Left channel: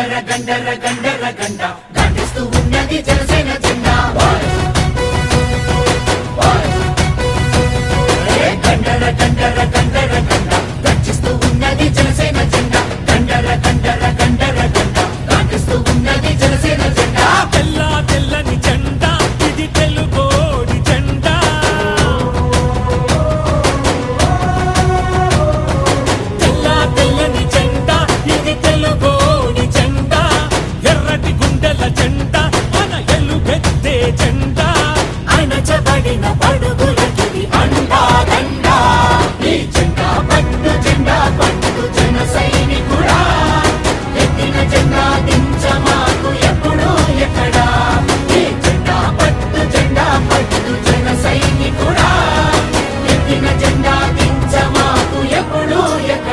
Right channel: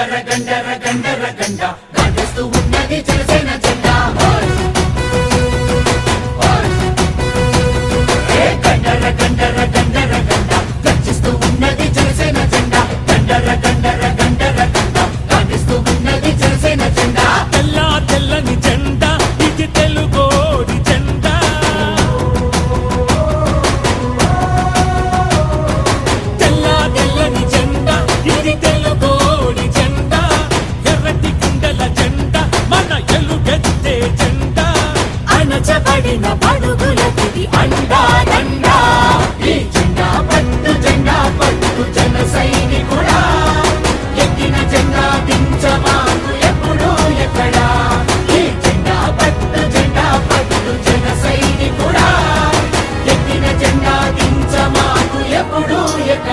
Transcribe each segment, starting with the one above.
గండర గండర గండర గండ. గర్జిస్తూ ఉన్నది జనసేన జెండా. ఏ గండర గండర గండర గండ. గర్జిస్తూ ఉన్నది జనసేన జెండా. గండర గండర గండర గండ. ఉన్నది జనసేన జెండా. తెల్ల తెల్లని జెండా.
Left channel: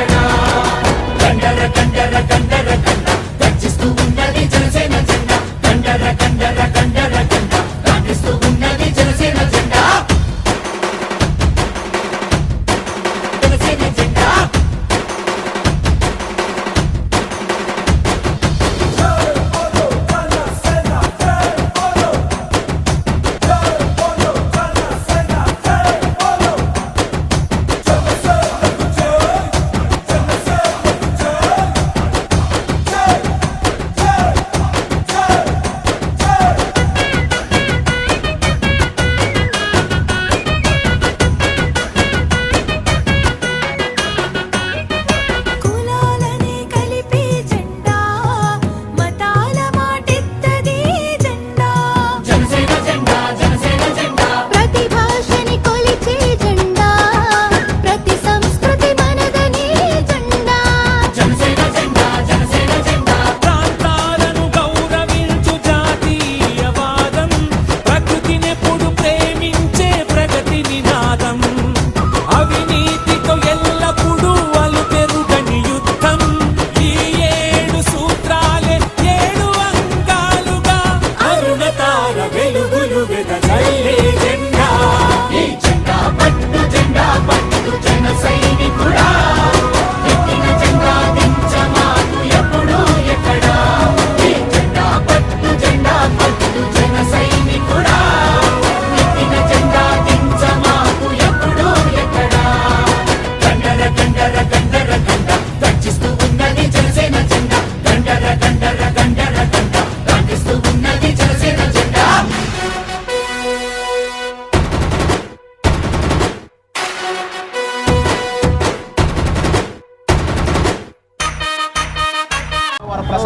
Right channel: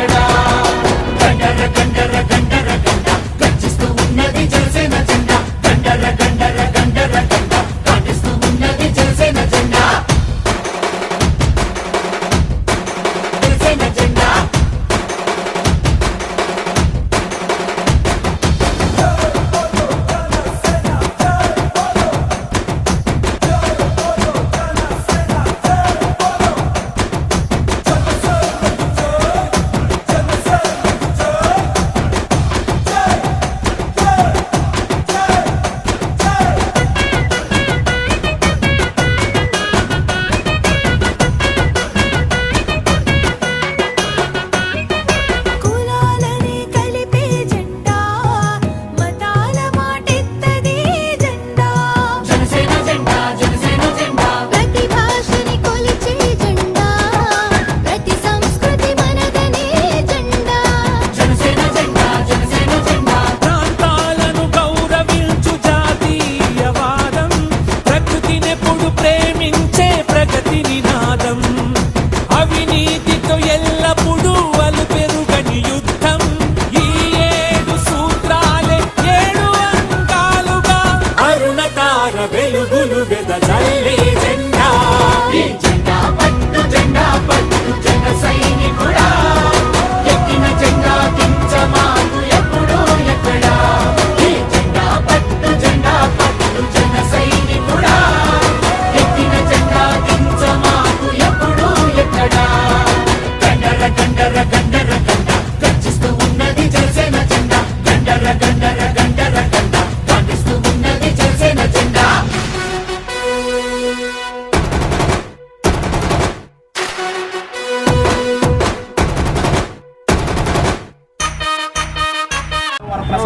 ఎక్కడా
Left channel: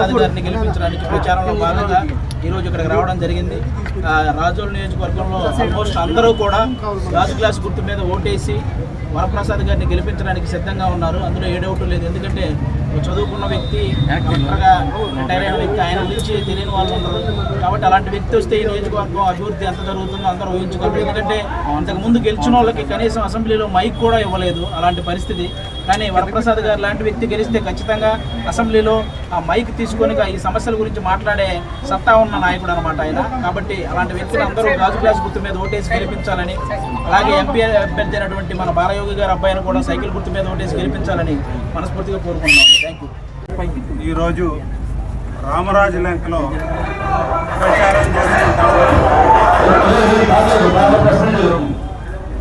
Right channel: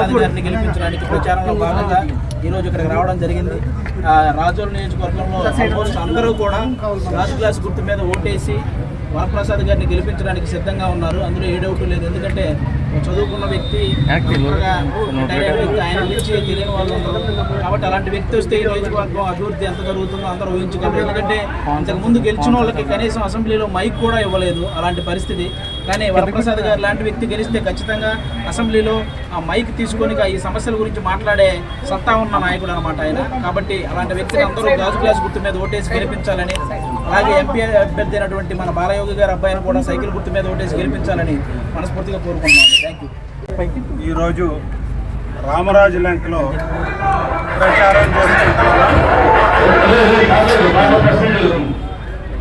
వరప్రసాద్ గారిని గెలిపించడానికి ప్రచారంలో భాగంగా ఈ రోజు ఇక్కడికి రావడం జరిగింది. ఆ, రాజోలు నియోజకవర్గంలో ఆల్మోస్ట్ అందరూ కూడా రాజు క్లాస్ గుర్తు మీద ఓటేసి వరప్రసాద్ గారిని గెలిపించడానికి సిద్ధంగా ఉన్నారు. అందులో ఏ డౌట్ లేదు. ఎందుకంటే చదువుకున్న వ్యక్తి రిటైర్ అయిన వ్యక్తి ఆయన నుంచి తెలియని వాళ్ళు ఉండరు కాబట్టి అలాంటి వ్యక్తి వస్తే ఈ నియోజకవర్గం అభివృద్ధి ఎంత జరుగుతుందో అందరూ ఊహించుకోరు ఎందుకంటే ఇంతకు ముందు గెలిచిన వాళ్ళకి కనీసం అసెంబ్లీలో మైక్ కూడా ఇవ్వలేదు అలాంటి పరిస్థితి. కానీ వరప్రసాద్ గారు లాంటి వ్యక్తి గెలిస్తే ఖచ్చితంగా అసెంబ్లీలో ఆ మైక్ తీసుకొని ఈ సమస్యల గురించి మాట్లాడే సత్తా ఉన్న నాయకుడు అనమాట ఆయన. కాబట్టి అలాంటి వ్యక్తిని అందరూ గాజు గ్లాస్ గుర్తు మీద ఓటేసి గెలిపించాలని అలాగే ఎంపీ అభ్యర్థి అయినటువంటి మన బాలయోగి గారి అబ్బాయిని కూడా సైకిల్ గుర్తు మీద ఓటేసి గెలిపించాలని మనస్ఫూర్తిగా కోరుకుంటున్నాను థ్యాంక్ యూ ఈరోజు రామరాజు ల్యాంక్లో ప్రచారం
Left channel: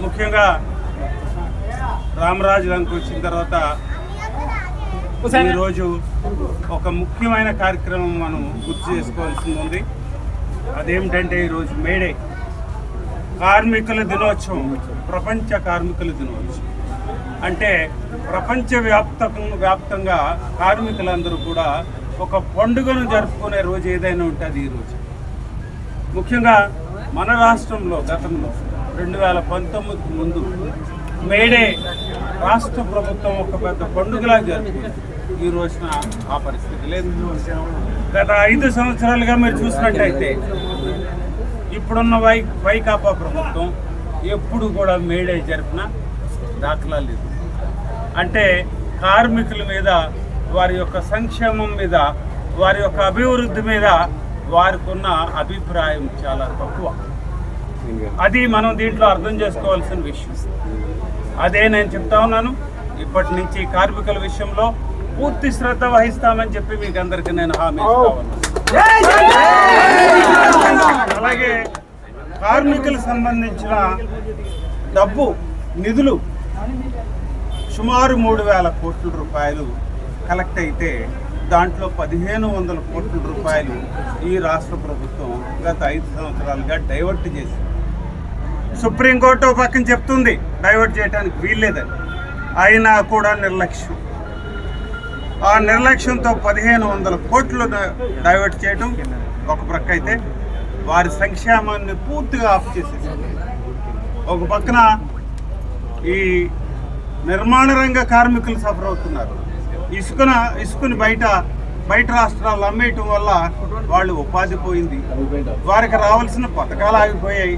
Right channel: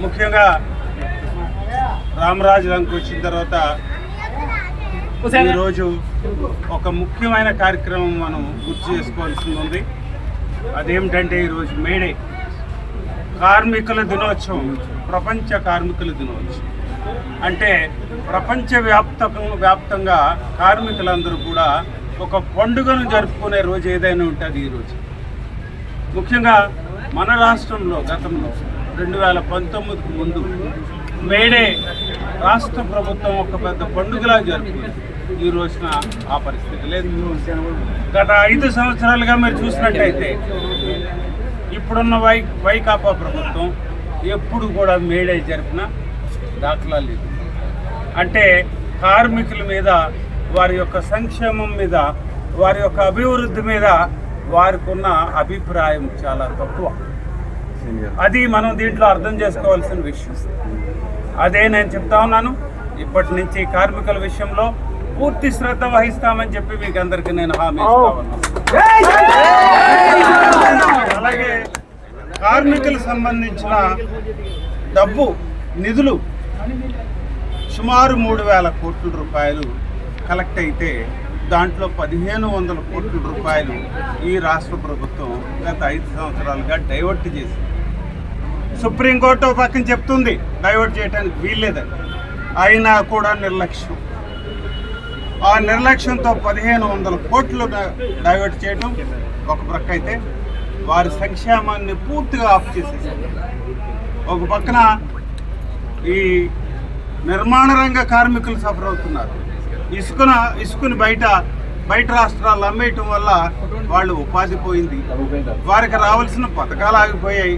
ముఖ్యంగా రామరాజు లంక వచ్చిన తర్వాత ఈరోజు ఒక ముఖ్యమైన కార్యక్రమం మనం గుర్తు చేసుకోవాల్సి ఉంది. అదేమిటంటే ఈరోజు మేడే కార్మికుల దినోత్సవం ప్రపంచ కార్మికుల దినోత్సవం. అంటే ప్రపంచ వ్యాప్త వ్యాప్తంగా కార్మికులందరూ కూడా ఒక పండుగను జరుపుకునే రోజు ఏదైనా ఉంటుంది ఈరోజు ముఖ్యంగా మన రాష్ట్రంలో గతంలో రెండు వేల పంతొమ్మిదికి ముందు మేడే రాష్ట్ర ప్రభుత్వం ఒక పెద్ద పండుగలా జరుపుకుంది. ఈ రోజున ఆ పరిస్థితి లేదు. గత ఐదు సంవత్సరాలుగా మీరు చూసినట్టయితే ఇప్పుడున్న వై వైకాపా ప్రభుత్వం ఎప్పుడు కూడా మేడే జరిపిన దాఖలా లేదు అంటే కార్మికుల మీద వారి యొక్క సంక్షేమం మీద వారి యొక్క అభివృద్ధి మీద వారికి ఉన్న అభిప్రాయం చాలా తక్కువ. అది మనం దీంట్లో అర్థం చేసుకోవాల్సిన విషయం. అదే నేను చెప్తా ఉన్నాను. ఇప్పటి నుంచి కార్మికుల విషయంలో పూర్తి శ్రద్ధ వహిస్తామని చెప్పి మీకు అందరికీ నేను హామీ ఇస్తా ఉన్నాను. అలాగే కార్మికులకు సంబంధించిన డబ్బు నిధులు సుమారు మూడు వేల కోట్ల రూపాయలు కలెక్ట్ అయితే దాంట్లో పదిహేను వందల కోట్ల రూపాయలు ఈ రాష్ట్ర ప్రభుత్వం గత ఐదు సంవత్సరాలుగా డైవర్ట్ చేసింది. సుప్రీంకోర్టు ఒక పక్కన చెప్తుంది డైవర్ట్ చేయడానికి వీల్లేదని. అయినా కూడా నిర్లక్ష్యం. ఆ నిర్లక్ష్యంతో పదిహేను వందల కోట్లు డైవర్ట్ చేయడం ఒక ప్రక్క అయితే వారి సంక్షేమాన్ని పూర్తిగా ఆఫ్ చేసేసారు ఒక పక్కన ఈ నిర్మాణ రంగ కార్మికులు సఫర్ అవుతున్నారు. ఇసుకన ఇసుకని బయట బయట రాష్ట్రాలు అమ్మేయటం వల్ల వాళ్ళు ఉపాధి పోయింది. వారికి రావాల్సిన పథకాలు ఆగిపోయాయి.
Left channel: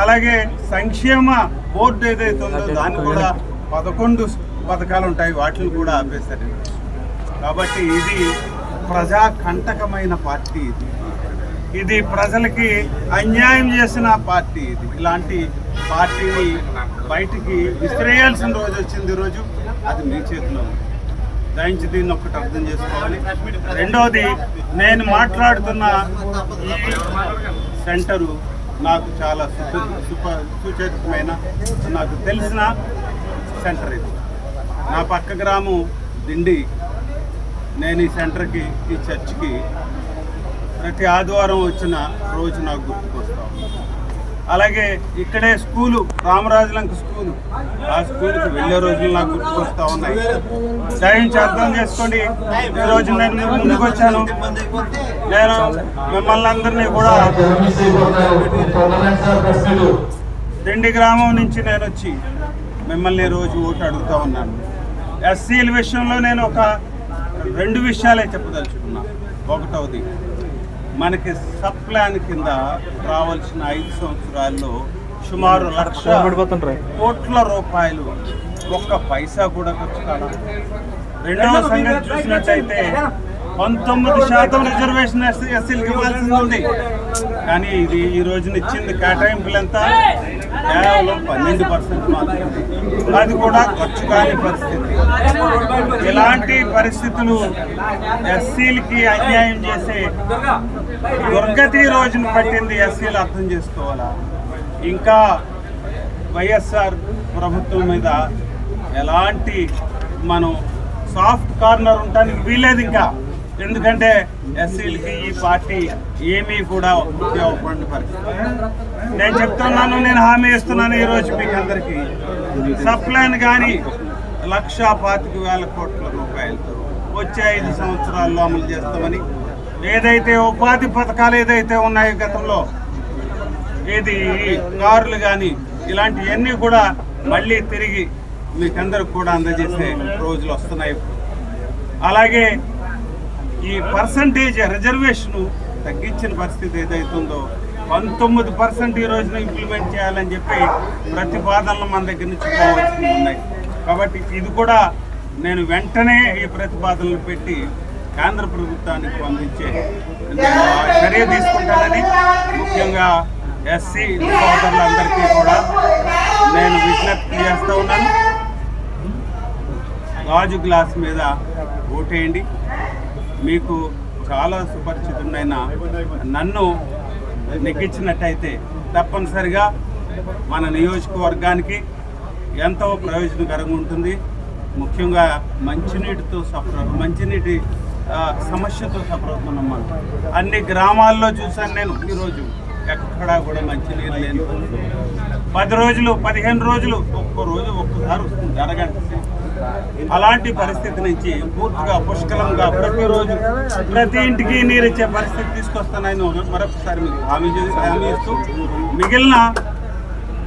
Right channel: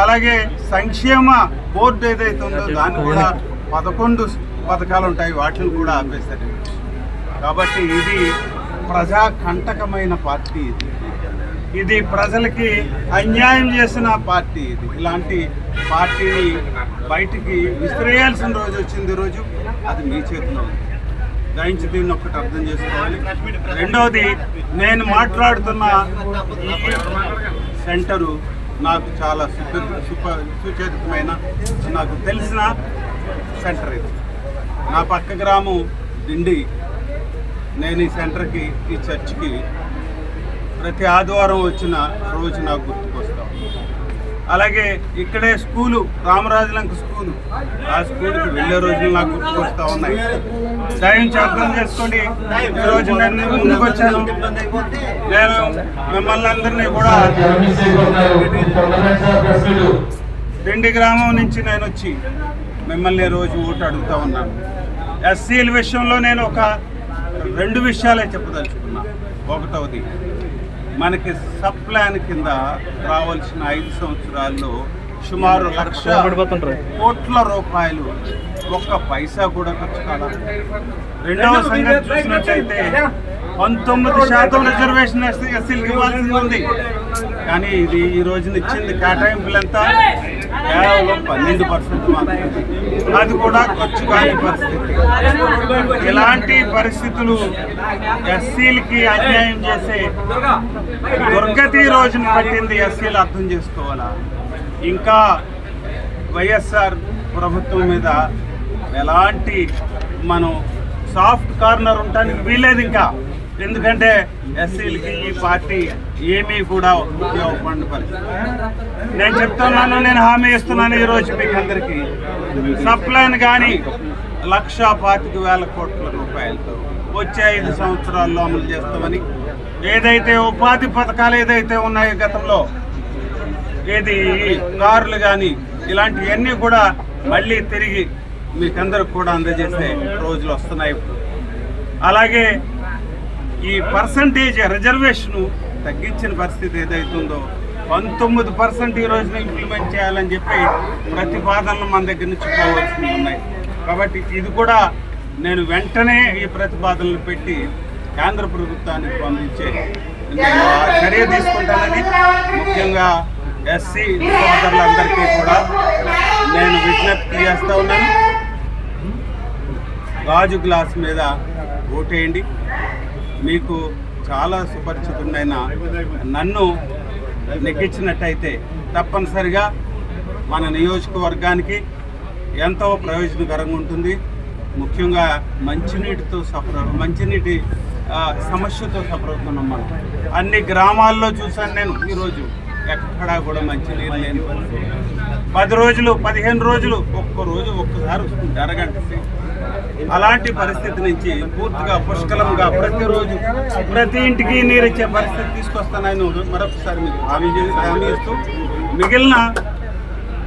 అలాగే సంక్షేమ బోర్డు ఏదైతే ఉందో దాన్ని కూడా పదకొండు పథకాలు ఉంటాయి వాటిని కూడా ఆపేశారు. కాబట్టి ఇది ప్రజా కంటకమైన పార్టీ ఇది. ఇది ప్రజలకి అన్యాయం చేసిన పార్టీ ఇది. ఇలాంటి పార్టీని బయటికి విసిరేయాల్సిన రోజు వచ్చింది రోజు అది మీ చేతిలో ఉంది. దయించి దీన్ని ఒక్కటి అర్థం చేసుకోవాలి. రెండవది నేను మాట్లాడుతున్న ఈ సెంటరు నాకు చాలా సుప సుచేతమైన నాకు తెలిసిన సెంటర్ ఇది. నా పక్క గ్రామం దిండి. నేను ఈ సెంటర్కి ఈ చర్చ్కి ప్రతి ఆదివారం వచ్చిన రోజు నాకు గుర్తు. అలాగే ఇక్కడే స్కూలు రామరాజులంక స్కూలు. ఆ స్కూల్కి వెళ్ళే రోజులు నాకు గుర్తుకొస్తా ఉన్నాయి. దయించి అర్థం చేసుకోండి. ఈ రోజు నేను ముందుకు వచ్చాను నేను మిమ్మల్ని అందరినీ కూడా దిండి గ్రామం నుంచి నేను వచ్చి మిమ్మల్ని రోజు ఓటు అడుగుతా ఉన్నాను. ఎస్సీల విషయంలో నేను ఒక రెండు విషయాలే చెప్పదలుచుకున్నా. ఒకటవది మనకి సబ్ ప్లాన్ కింద రావాల్సిన ఐదు సంవత్సరాల్లో సుమారు లక్ష కోట్ల రూపాయలు ఒక్క పైసా కూడా ఖర్చు కాల. రెండవ సంగతి చూసినట్టయితే పంతొమ్మిది శాతం రిజర్వేషన్ ఎస్సీ ఎస్సీలకు ఇవ్వాల్సింది ఉంది. కానీ ఇది ఈ రోజున ఇచ్చింది కేటాయింపులంతా కేవలం పన్నెండు పర్సెంట్ మాత్రమే. అది కూడా ఖర్చు కాని పరిస్థితి. ఇలాంటి పరిస్థితులు ఎస్సీలకి అన్యాయం చేసే దుర్గతి రోజున పట్టింది ఎస్సీలు అర్థం చేసుకోవాలా? ఇంకా వైఎస్ఆర్ ప్రభుత్వం మీద ఎలాంటి మనం సాఫ్ట్ కార్నర్ ఉండటానికి వీలేదు ఇంకా. ఎందుకంటే ఎస్సీలకి ఈ పార్టీ ఏమీ కూడా ఉపయోగపడిన పరిస్థితి. నేను చెప్తున్నాను నేను హామీ ఇస్తున్నాను ఈరోజు మీకు అందరికీ. సప్లైన్ కానీ లక్ష పాతిక వేల కోట్ల రూపాయలతో వచ్చే ఐదు సంవత్సరాల్లో అమలు చేస్తామని ఏదైతే ఉపాధి పథకాలు ఏదైతే ఉన్నాయో గతంలో ఏది కార్లు కానీ ఇలాంటివన్నీ కూడా మళ్ళీ తిరిగి మీకందరికి కూడా అందజేసే రోజులు వస్తున్నాయి ఇప్పుడు. అలాగే ఈ పర్సంటేజ్ రిజర్వేషన్ తగ్గించిన పరిస్థితి ఏదైతుందో పంతొమ్మిది పర్సెంట్ ఈ రోజున ఇంప్లిమెంట్ చేయాలని చెప్పి ప్రతిపాదనలు మన దగ్గర నుంచి పోవాల్సి ఉన్నాయి. కాబట్టి ఇది కూడా నేను వెంటనే ఈ ప్రతిపాదనలు పెట్టి కేంద్ర ప్రభుత్వానికి పంపించే నేను చర్య తీసుకుంటానని ముఖ్యంగా ఎస్సీ సోదరులందరికీ కూడా నేను విజ్ఞప్తి చేస్తూ ఉన్నాను. గాజు గ్లాస్ మీద ఓటేయండి. మీకు చాలా సుపరిచితుడైన నన్ను నెగ్గించినట్టయితే తప్పనిసరిగా మన నియోజకవర్గానికి ఎంతో ప్రయోజనకరంగా ఉంటుంది. ముఖ్యంగా మంచినీటితో సఫర్ మంచినీటి సమస్యతో సఫర్ అవుతున్నాం మనం. అన్ని గ్రామాల్లో చూశాను నేను ఈరోజు. ఎక్కడా కూడా మంచినీరు లేని పది రోజులు పదిహేను రోజులు ఒక్క రోజు ఒక్కసారి వస్తుంది అరగంట సేపు. అలాంటి పరిస్థితి నుంచి పూర్తిగా పుష్కలంగా ప్రతిరోజు ప్రతి ఇంటికి నీరు ఇచ్చే పరిస్థితి తీసుకొస్తానని మరొకసారి మీకు హామీ హామీ ఇస్తూ మిగిలిన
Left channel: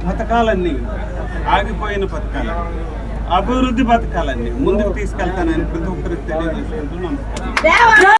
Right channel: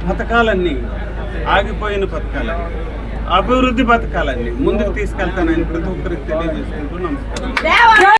పథకాలన్నీ ఆగిపోయిన పథకాలు అభివృద్ధి పథకాలన్నీ ముందుకు తీసుకెళ్తానని ప్రతి ఒక్కరికి తెలియజేసుకుంటూ నమస్కారం.